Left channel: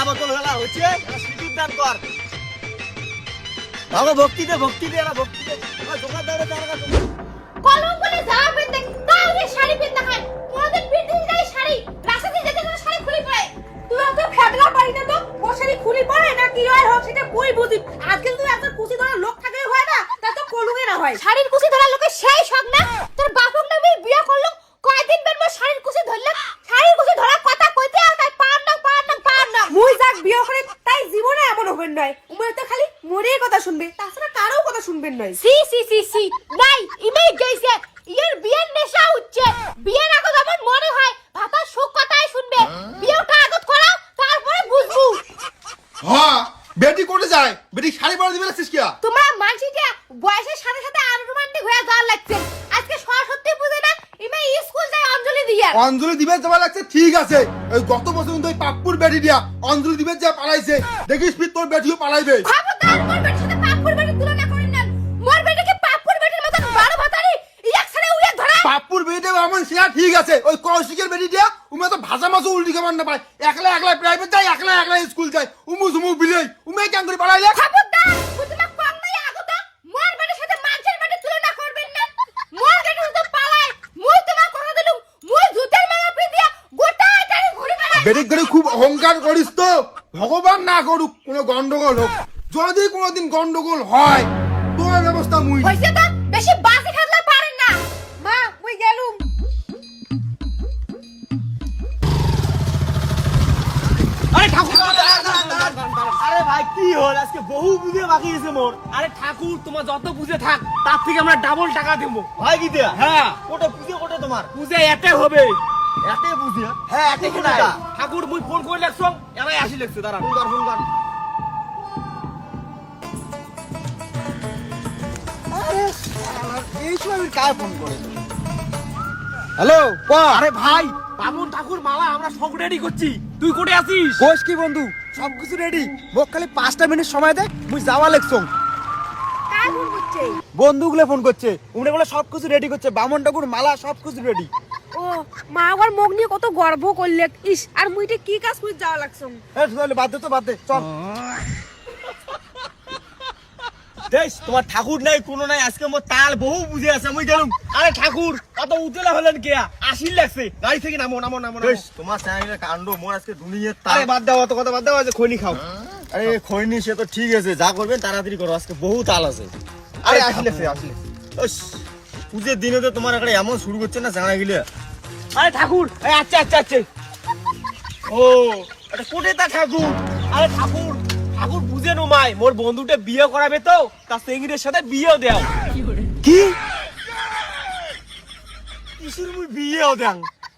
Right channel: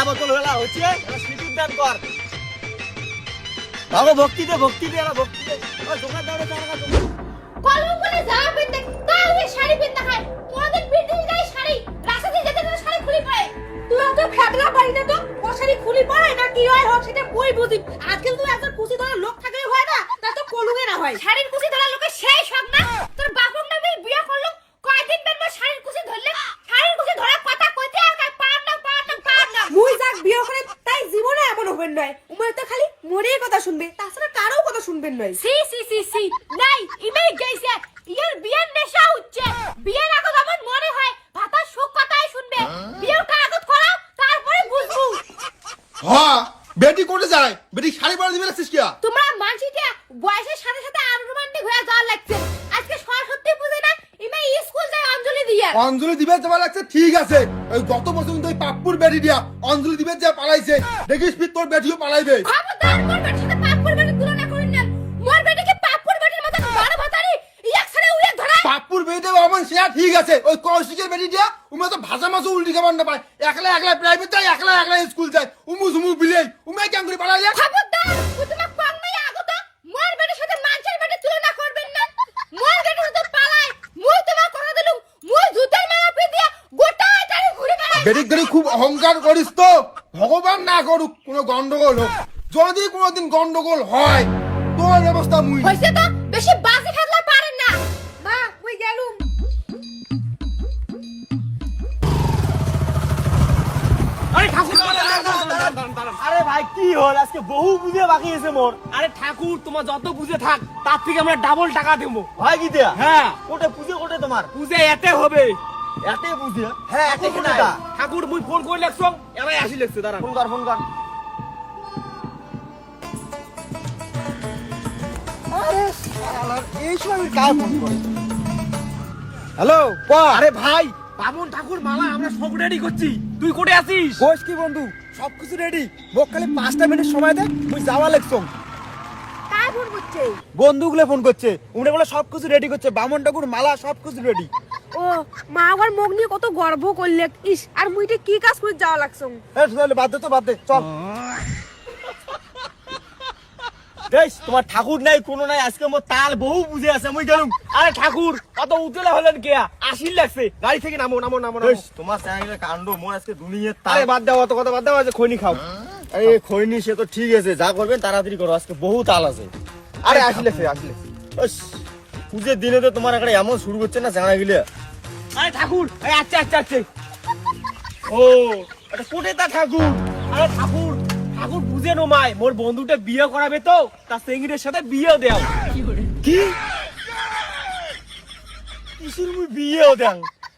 মালা বোতল হলা হচ্ছে সিঁদুর দান কর বাবা, ভক্তি দে ভক্তি দে, এরা ভক্তি দে। দোকান তার কাছে ধরে লোক হয় না, তা তো কলুগে না হয়। শাড়ির কুচি ধরা লোকের সেই শখ না। তোর বাপক না আমি বিয়ে করলাম কয়দিন বের মোর শাড়ির কুচি ধরলে শাড়ির কুচি ধরা কথা কইতে আর কাই পার না পার না পার না মুই যাক বিয়ে করে তাই জীবনে নয়। উমরে তো খালি মোরেই কথা শুনবে তাছাড়া কারও কথা শুনবেন নয়। সি সি সি সি নাই ইমেজ গইছে ইয়ার বিয়ের নেশা হচ্ছে। বিয়ের আগত আমার মনে হয় ভাতার সুখ কথাই শুনবে। বিয়েটা আগত করাও তারপরে বুঝব। হ্যাঁ বেটি কোটে যায়? বেটি শাড়ি পরা দিবে না কিয়া তোমরা মানসিটা বয়সের সাথে সাথে আনরোমান্টিক হয়ে যাওয়ার লাগছে আজকে সরস্বতী পুজো না ইমে স্কুল যায় অঞ্জলি দিবে যাওয়া লাগছে ঠিক আছে। ওই গত বছর কিন্তু ওই পাপ্পুর বেটি দিয়া অঞ্জলি দিবে যা পালাইছে। দেখিস ফির তোর বেটিও পালাইবে। পাপ্পুর বেটি দেবে আমার সেয়া ঠিক আছে। ওই কৌশিকের বেটি দিয়া উমে তো ভাজা মাছও উল্টি খাবার না পায়। একলা একলা প্রাইভেট যায় একলা একলা স্কুল যায়। উমু সুমু বিলেই উমে কেন করে পালাইলে খবরদার ও তোমাক কম নাই আগত মোর বেটির সাথে মানুষের বেটির তুলনা করবেন না মোর বেটির সাথে পালাই মুই তোমাক কথা দিলুম মুই জুতের মায়া পি দিয়া গোটা এটারে বেড়াই করে খুব অহংকার করিস তো। ভগবান না করুক কোনো গন্ডগোল হোক। যদি কোনোদিন গন্ডগোল হয় তোর ব্যবস্থা মুই হইছে তো? বেশি বাজি খেলা পারেন না। মা মুই গেলুম। আরে ঠাকুর আরে ভাই কি হল? আজকে বহু বুঝে বাকি আছে মোর। আরে ঠাকুর তোমার যত পুজো থাক তার থেকে আমরা ডাবল টাকা দেবো। হয় কি দেয়া? হ্যাঁ। কোটে পুজো কোটে তোমার? পুজো এতে হবে। এতে হ্যাঁ? এতে কোটে ঠাকুর মুই ফোন করে লেখছ এরাই আসি দাঁড়া ফোন কর ফোন কর। এই সময় আমি ফোন করি? হ্যালো ক? আরে ভাই বামন ঠাকুর মালা আমরা সব রেডি করছি। তুই কোটে আছিস? কোষ কি বন্ধু? সব কিছু রেডি মোক খালি পাঁচটা মিনিট সময় দে মুই যাওয়া করছে? বন্ধুগুলো ফোন করছে। উনি বলে সব কিছু রেডি করছে। বামন ঠাকুর মালা সব কিছু রেডি ও মা আবার মুখ নিয়ে কত গর্ব করলে। ইস আর মুইটা কি কাজ করে যাওয়া লাগছ? বাদ দে তো বাদ দে চল। দেখ তোমার ঠাকুর নাই কোনো নাই আজকে মোর তাল বহু বুঝে আছে মুই গেলুম আরে ঠাকুর কত উজেলা হলেন কে? আসিল লাগছে। গাড়ি থেকে নামো নামো নামো। দেখ তোমার চ্যানেলের কাণ্ড মোর আজকে দুনিয়ার তাল। আরে বাদ দাও অত কথা বাদ দাও আজ খৈনি খাও। আরে খৈনি সে তো ঠিক আছে যা করবেন তাড়াতাড়ি করো আজকে বহু তাল আছে। আরে আসি লাগছে আসি লাগছে। পুজোর দিনে তো তোমার একটা এমন শুরু করছে না জানা গেলে। আরে ঠাকুর। আচ্ছা আচ্ছা আচ্ছা। ও এটা কোটে তা ঠাকুর। আরে ঠাকুর ঠাকুর বুঝে নো মাই মোর বন্ধুটা বিয়ে করাবে তো তার সেঙ্গিরের সাথে বিয়েও কি মুই বিয়েও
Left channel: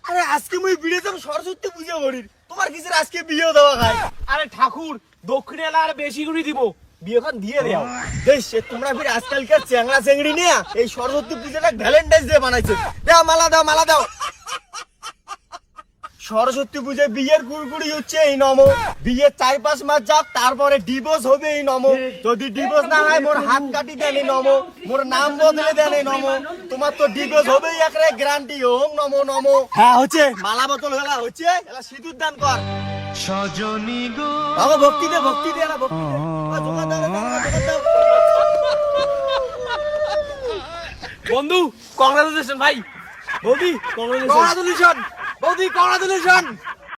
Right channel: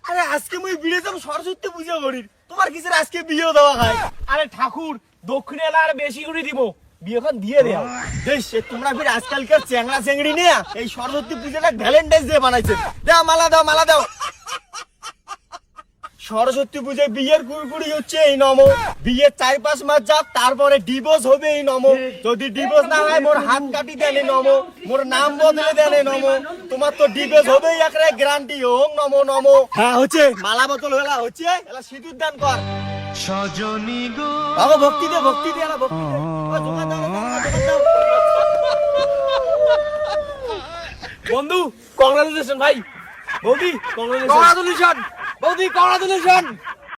আরে আজকে মুই দেব সরস্বতী পুজো করির। তোমার কিসের আজকে বিয়েও দেওয়া খায় আরে ঠাকুর দক্ষিণে আর বেশি করে দিব। বিয়েখন দিয়ে দেও দেশ তোমরা ফির আজকালকার চ্যাংড়া চেংড়ি নিয়ে এই সরস্বতী পুজোটা ভ্যালেন্টাইন্স ডে বানাইছে। দাও মালা দাও মালা দাও। সরস্বতী পুজোয় বিয়ের কুড়কুড়ি হচ্ছে এই নম। বিয়ের চার পাঁচ মাস যাক তারপরে ডিভোর্স হবে এই নম। যদি ডিভোর্স না হয় মোর হাত কাটি দেন এই নম। মোর নাম বদলে দেন এই নম। তোমার তো ডিভোর্স হবেই একটা গ্যারান্টি ওম নম নম। হ্যাঁ হচ্ছে। মালা বোতল হলা হচ্ছে? এলা সিঁদুর দান কর। সজনী গো। বাবা ভক্তি দে ভক্তি দে এলা ভক্তি দে। দোকান দাও, দোকান দাও, বন্ধু কংগ্রাচুলেশন ভাই। বৌদি কংগ্রাচুলেশন বৌদি কংগ্রাচুলেশন